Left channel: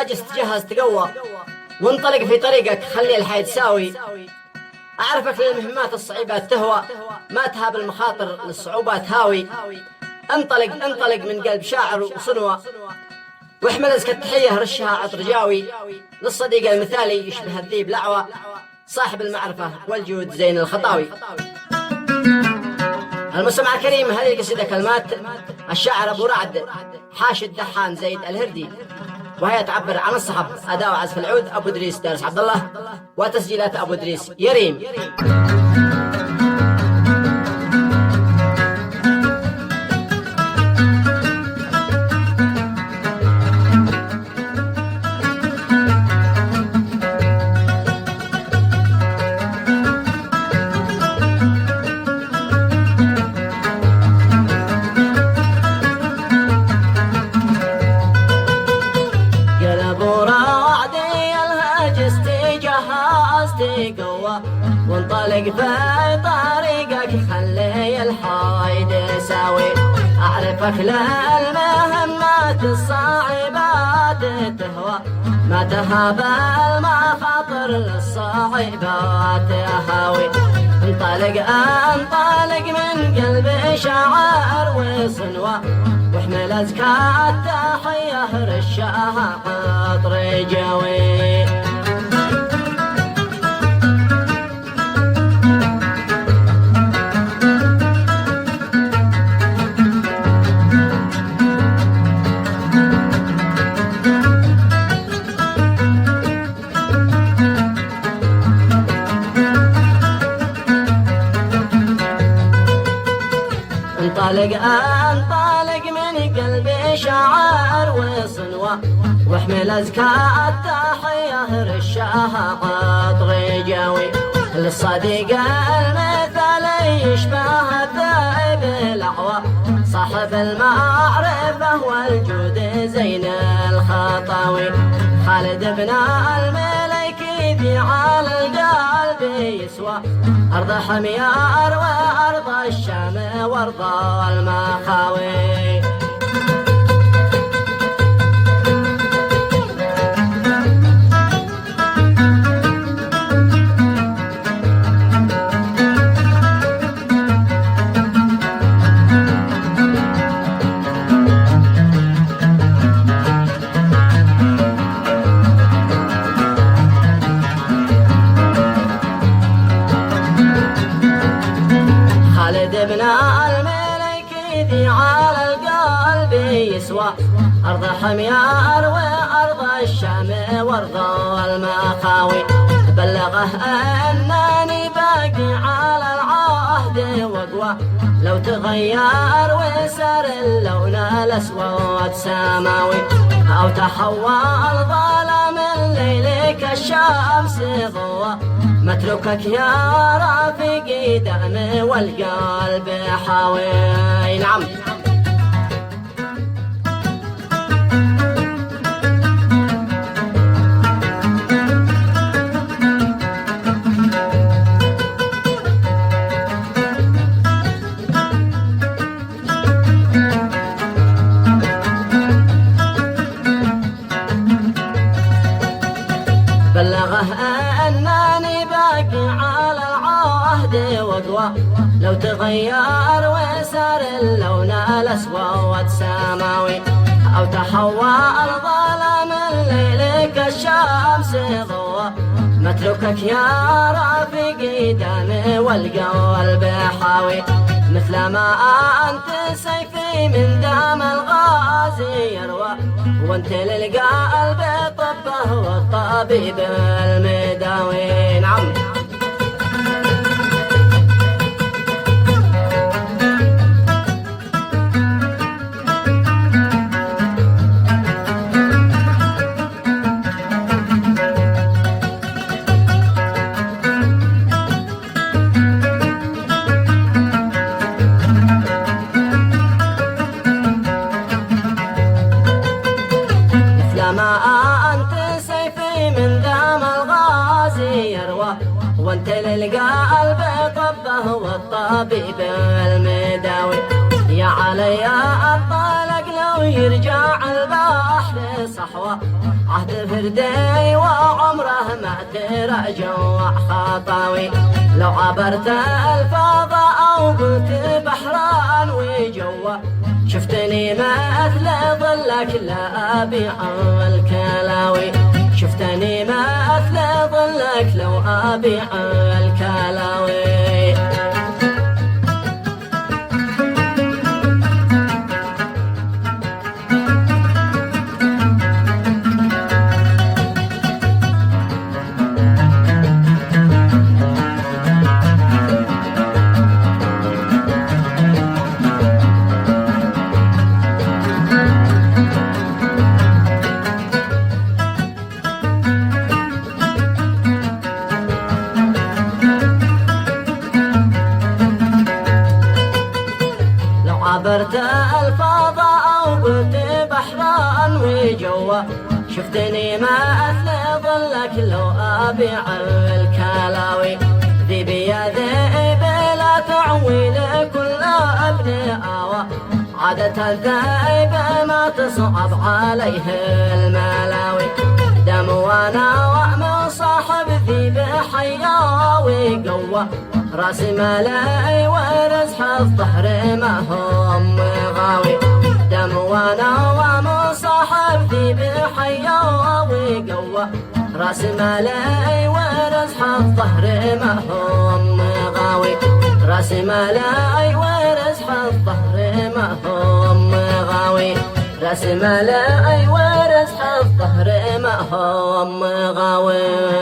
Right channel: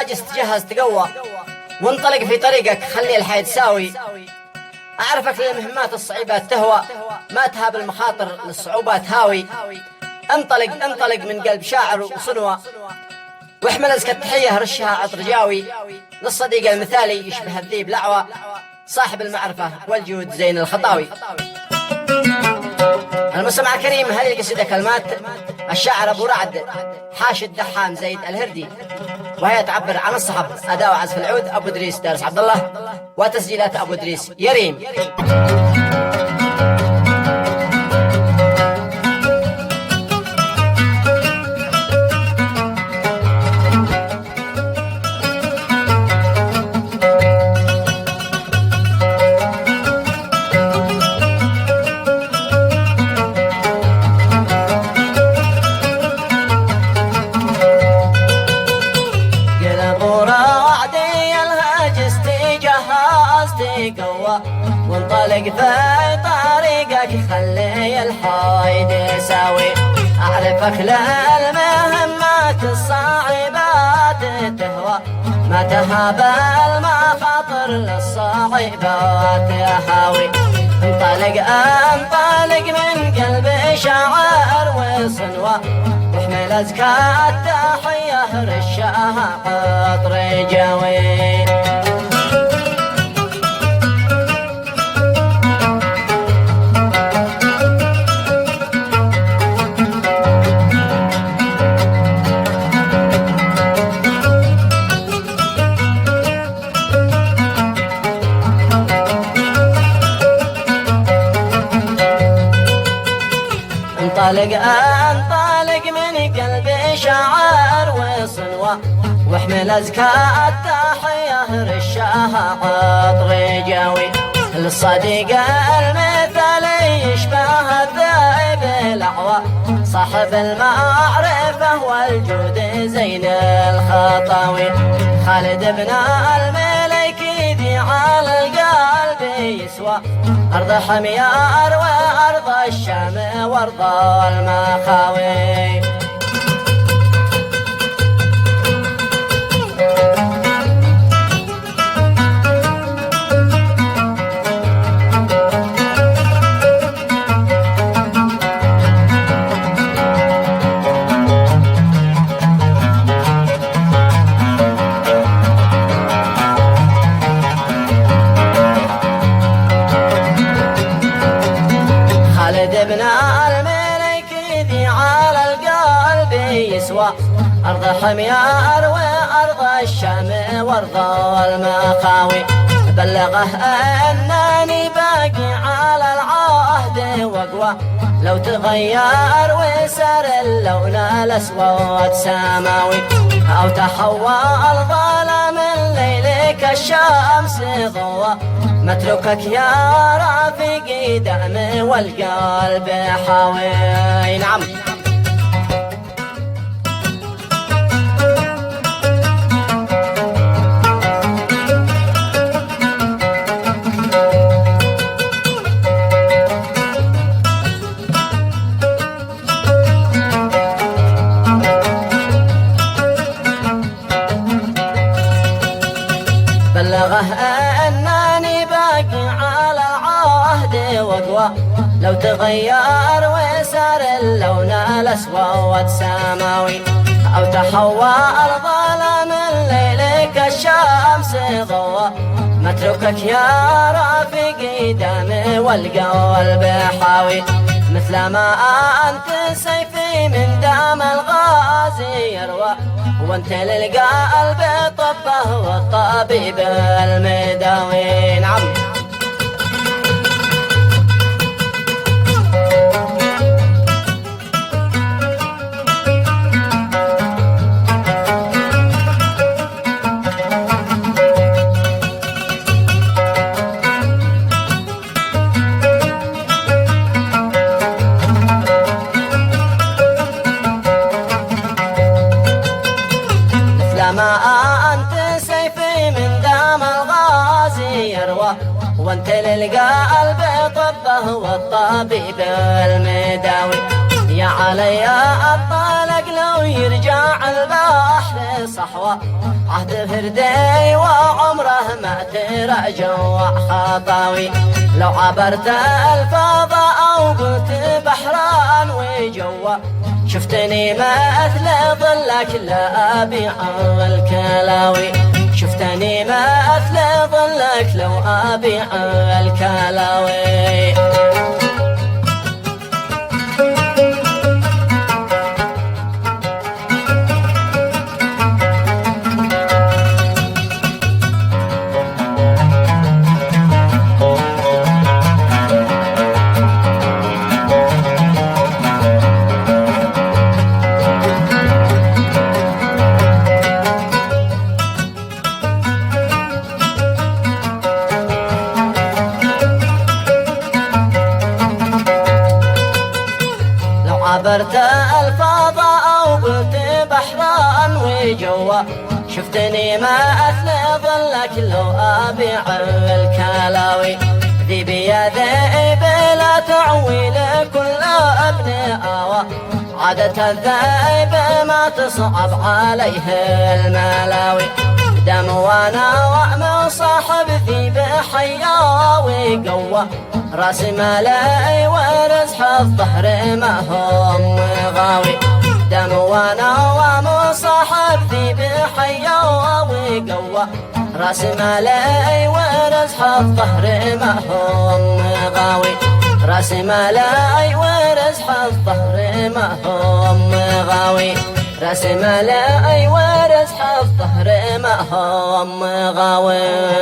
الهاجس تجهز تقوى، وانطلق في طريقك خلي الحياة تساوي. أعرفك للمهمات الصعيبات تهوى، ما تهاب المخاطر للصعوبات هاوي. انطلق انطلق من قلب شاعر وصنوى، واحمل أزكى التحية رشها عطر جاوي. للصديق المثالي يشبه الذيب لعوى، صاحب المعرفة والجود زين الخطاوي. المستمع الكريم، هذه القصيدة كلمات الشاعر أبو رعد حاشد دحان زيد الهردي، وهي تعبر عن الصحب. أداء وعزف العود أبو إدريس دارس عبد الله، وتسجيلات أبو إدريس يريم. وانطلق في طريقك خلي الحايد يساوي. أعرفك للمهمات الصعيبات تهوى، ما تهاب المخاطر للصعيبات هاوي. انطلق انطلق من قلب شاعر وصنوى، واحمل أزكى التحية رشها عطر جاوي. انطلق انطلق من قلبي شاعر وصنوى، واحمل أزكى التحية رشها عطر جاوي. للصديق المثالي يشبه الذئب الأعوى، صاحب المعرفة والجود زين الخطاوي. خالد بن الملك يدي على القلب يسوى، أرض حميار وأرض الشام وأرض المخاوي. أرض حميار وأرض الشام وأرض المخاوي. بلغه أنني باقي على العهد وقوى، لو تغير وسار اللون الأسود سماوي، أو تحول ظلام الليل كالشمس ضوى. متركك يا رفيقي دم والقلب حاوي. نعم. أنني باقي على العهد وقوى، لو تغير وسار اللون الأسود سماوي، أو تحول ظلام الليل كالشمس ضوى. متركك يا رفيقي دم والقلب حاوي، مثل ما أنت سيفي من دم الغازي يروى، وانت للقلب طبه والطبيب المداوي. نعم. أنت سيفي من دم الغازي يروى، وانت للقلب طبه والطبيب المداوي. يا علي الطالق لو يرجع البحر صحوة عهد فردي وعمره ما ترجع خطاوي لو عبرت الفضاء أو قلت بحران وجوا شفتني مثل ظلك لا أبيع الكلاوي شفتني مثل ظلك لو أبيع الكلاوي عبرت الفضاء وقلت بحران وجوا شفتني ما أثنى ظلك لو أبيع الكلاوي ذي بيذئب لا تعوي لكل ابن آوى عادة الذئب ما تصعب عليه الملاوي دم وانا وأمل صاحب ذي بحياوي قوة راس مالي ورزح الظهر ما هم غاوي دم وانا ومصاحب ذي بحياوي قوة راس مالي ورزح الظهر ما هم غاوي راس مالي ورزح الظهر ما هم غاوي راس مالي ورزح الظهر ما هم غاوي